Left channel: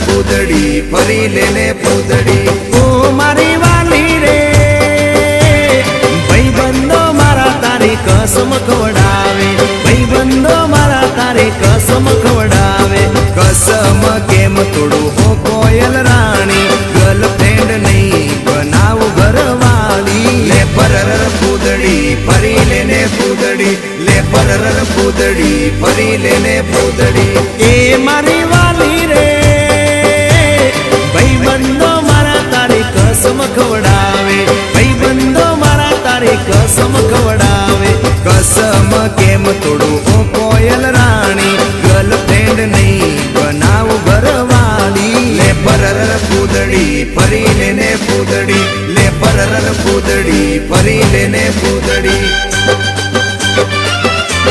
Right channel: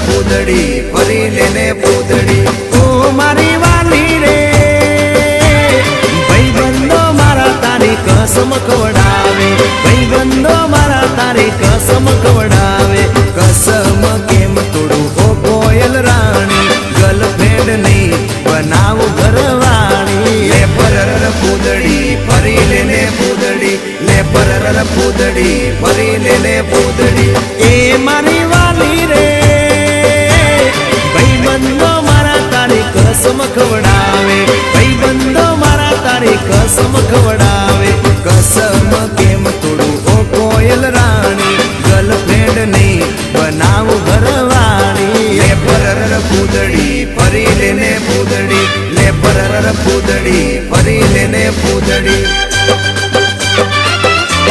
પૂદડી ફરી લેને પૂદડી ઓ મારી વાલી રે ભાઈબંધો મારા તારી કસમ ખવડાવે ભાઈબંધો મારા તારી કસમ ખવડાવે કસમ કેમ તોડું હો કોયલ રાણી ગર્લફ્રેન્ડ નહીં બનાવ ઘરવાળી લે પરર પૂદડી ફરી લેને પૂદડી લે પરર પૂદડી ફરી લેને પૂદડી એ મારી વાલી રે ભાઈબંધો મારા તારી કસમ ખવડાવે ભાઈબંધો મારા તારી કસમ ખવડાવે કસમ